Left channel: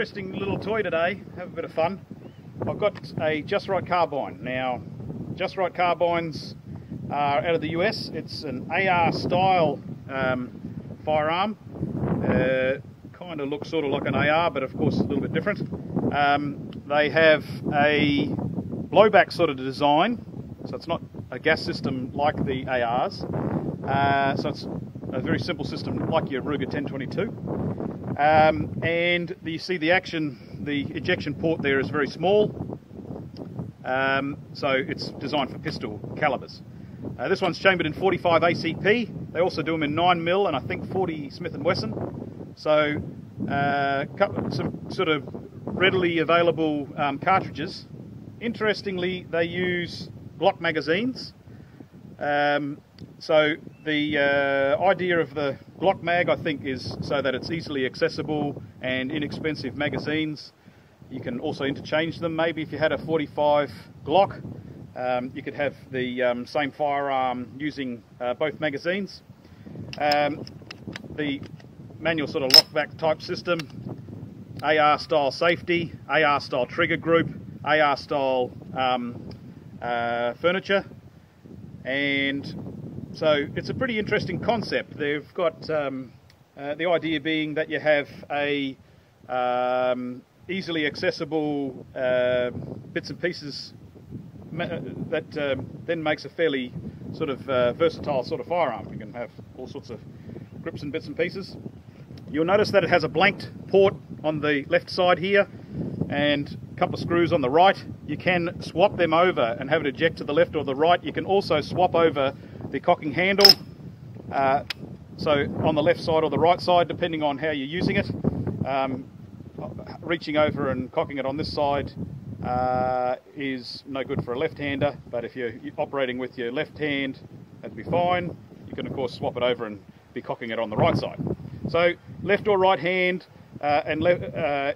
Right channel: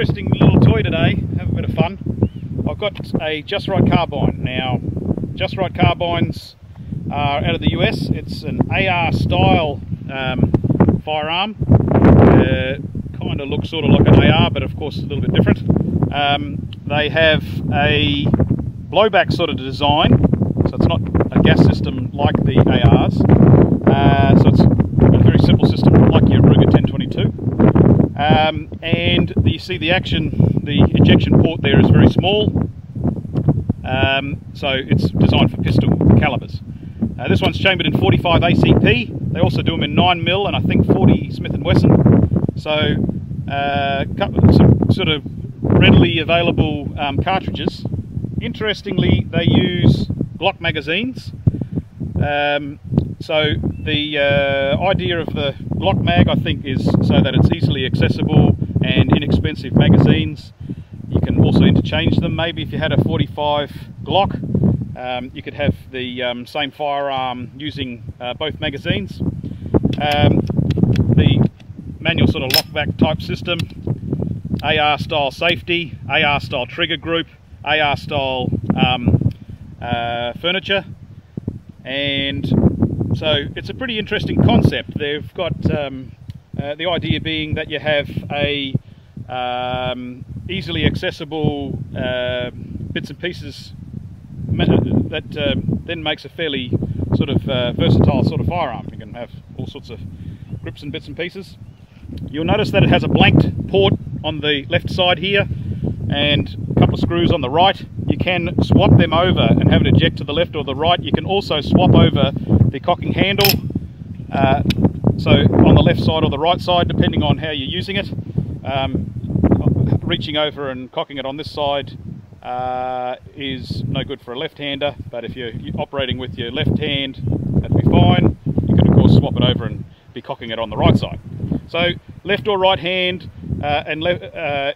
interesting little toy today, have a bit of fun. I've got a Just Rite Carbine. Now, Just Rite Carbines are out of the US. It's an AR style firearm. Kind of looks sort of like an AR, but of course a little bit different. They have a blowback sort of design, so it's not a gas system like the ARs. So it's a very simple system like your Ruger 1022. And you see the ejection port there is very small. So it's designed for pistol calibers. This one's chambered in 45 ACP. They also do them in 9mm and I think 40 Smith & Wesson. So some sort of readily available cartridges. Interestingly, they use Glock magazines. So the idea of the Glock mag, I think, is so that it's easily accessible and inexpensive magazines. You can also interchange them. Maybe if you had a 45 Glock, you could have the same firearm using both magazines. The manual sort of lockback type system, AR style safety, AR style trigger group, AR style furniture, and so it's a pretty interesting concept. They've got the idea being that you have a easily accessible bits and pieces that then makes a fairly sort of versatile sort of firearm. You can have all sorts of grips and bits and pieces. You'll notice that it has a blanked port on the left side here and a couple of screws on the right. You can swap them over and have it eject to the left or the right. You can also swap over the cocking handle, so on the left side or the right side, depending on how you're using it. Reaching over and cocking it on this side is no good for a left-hander, but if you're operating with your left hand, that'd be fine. You can of course swap it over and be cocking it on the right side. So left or right hand and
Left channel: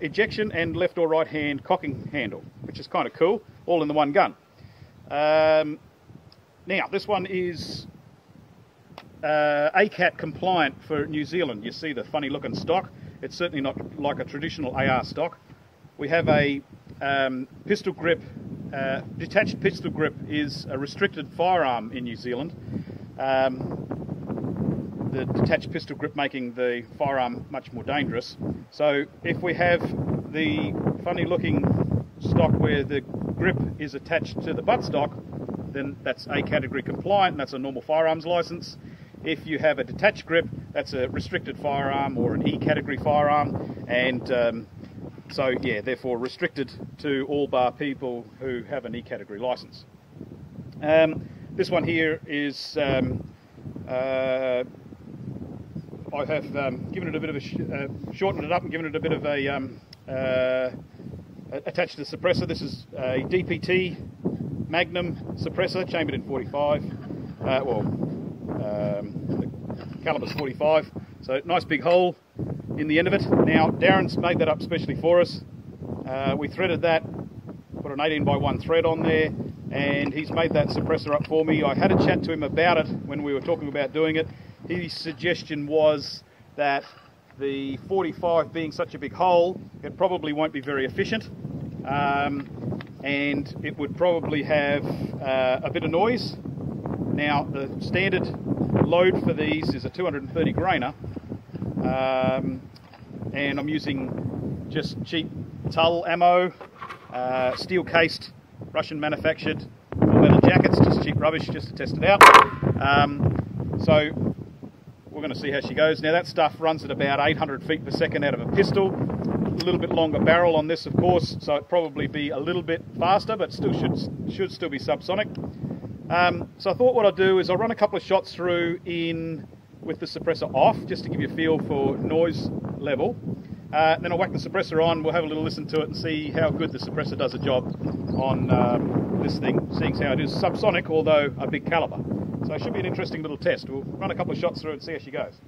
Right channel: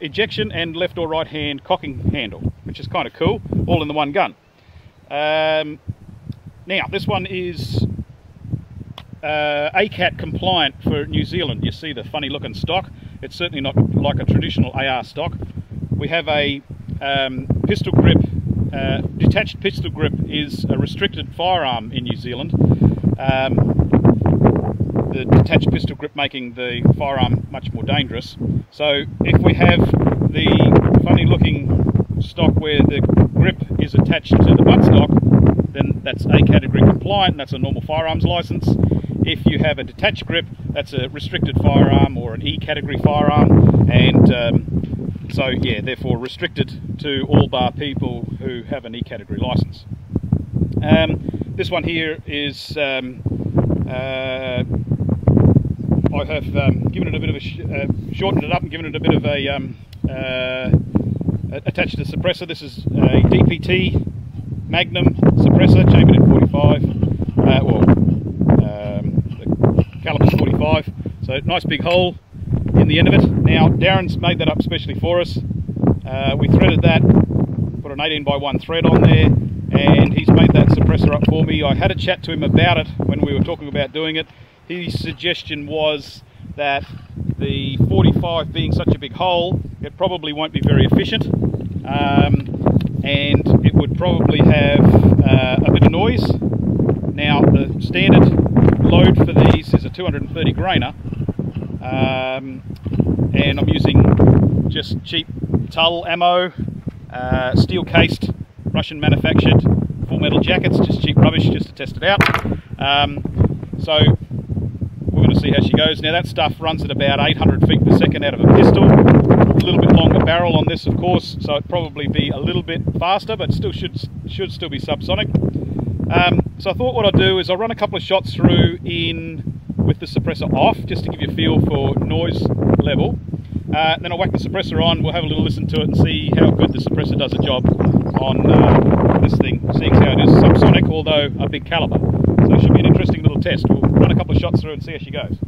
ejection and left or right hand cocking handle, which is kind of cool, all in the one gun. Now this one is ACAT compliant for New Zealand. You see the funny looking stock. It's certainly not like a traditional AR stock. We have a pistol grip. Detached pistol grip is a restricted firearm in New Zealand. The detached pistol grip making the firearm much more dangerous. So if we have the funny looking stock where the grip is attached to the buttstock, then that's A category compliant, that's a normal firearms license. If you have a detached grip, that's a restricted firearm or an E category firearm, and so yeah, therefore restricted to all bar people who have an E category license. This one here is I have given it a bit of a shortened it up and given it a bit of a attached to the suppressor. This is a DPT magnum suppressor, chambered in 45, the caliber's 45. So nice big hole in the end of it. Now Darren's made that up specially for us. We threaded that, put an 18x1 thread on there, and he's made that suppressor up for me. I had a chat to him about it when we were talking about doing it. His suggestion was that the 45 being such a big hole, it probably won't be very efficient, and it would probably have a bit of noise. Now the standard load for these is a 230 grainer, and I'm using just cheap Tull ammo, steel cased, Russian manufactured, full metal jackets, just cheap rubbish just to test it out. So we're going to see how she goes. Now that stuff runs at about 800 feet per second out of a pistol. A little bit longer barrel on this, of course, so it'd probably be a little bit faster, but still should still be subsonic. So I thought what I'd do is I'll run a couple of shots through with the suppressor off, just to give you a feel for noise level. Then I'll whack the suppressor on, we'll have a little listen to it and see how good the suppressor does a job on this thing, seeing how it is subsonic, although a big caliber. So it should be an interesting little test. We'll run a couple of shots through and see how she goes.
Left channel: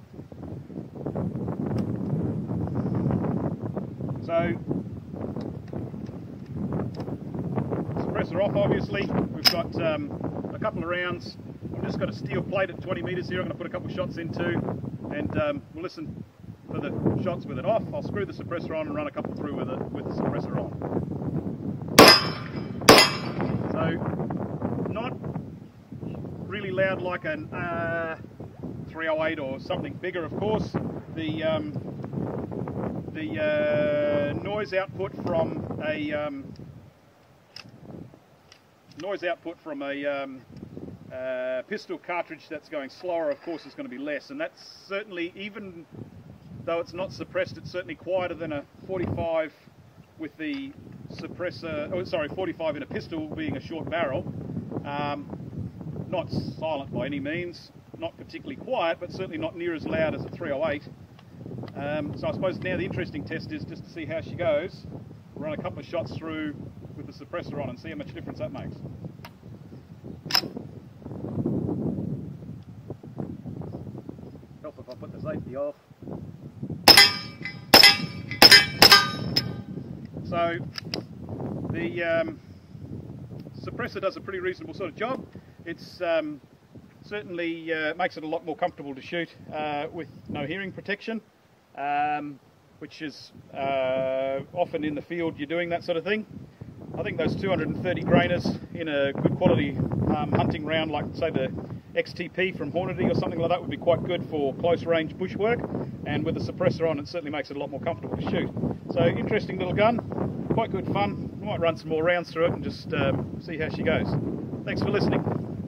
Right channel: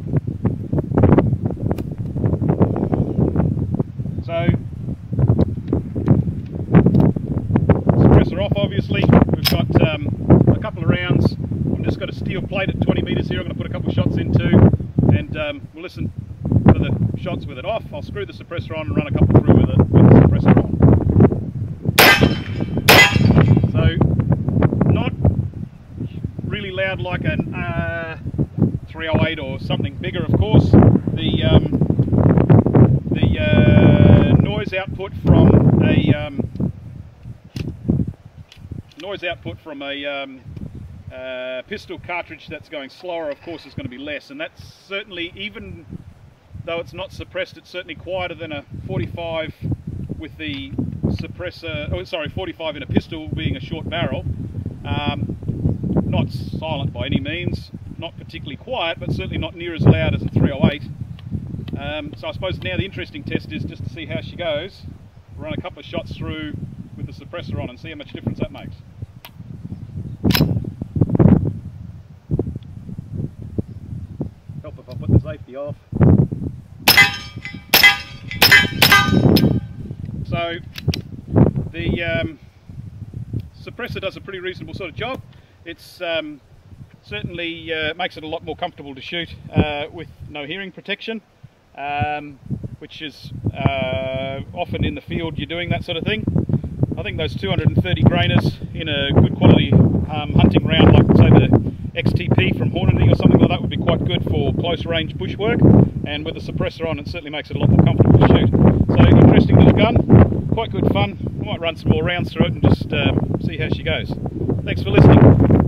So, suppressor off obviously. We've got a couple of rounds. I've just got a steel plate at 20 metres here I'm going to put a couple of shots into, and we'll listen to the shots with it off. I'll screw the suppressor on and run a couple through with it. pistol cartridge that's going slower, of course, is going to be less, and that's certainly, even though it's not suppressed, it's certainly quieter than a 45 with the suppressor, oh sorry, 45 in a pistol being a short barrel. Not silent by any means, not particularly quiet, but certainly not near as loud as a 308. So I suppose now the interesting test is just to see how she goes. Run a couple of shots through with the suppressor on and see how much difference that makes. Help if I put the safety off. So the suppressor does a pretty reasonable sort of job. It's certainly makes it a lot more comfortable to shoot with no hearing protection, which is often in the field you're doing that sort of thing. I think those 230 grainers in a good quality hunting round, like say the XTP from Hornady or something like that, would be quite good for close range bushwork, and with the suppressor on it certainly makes it a lot more comfortable to shoot. So interesting little gun, quite good fun. Might run some more rounds through it and just see how she goes. Thanks for listening.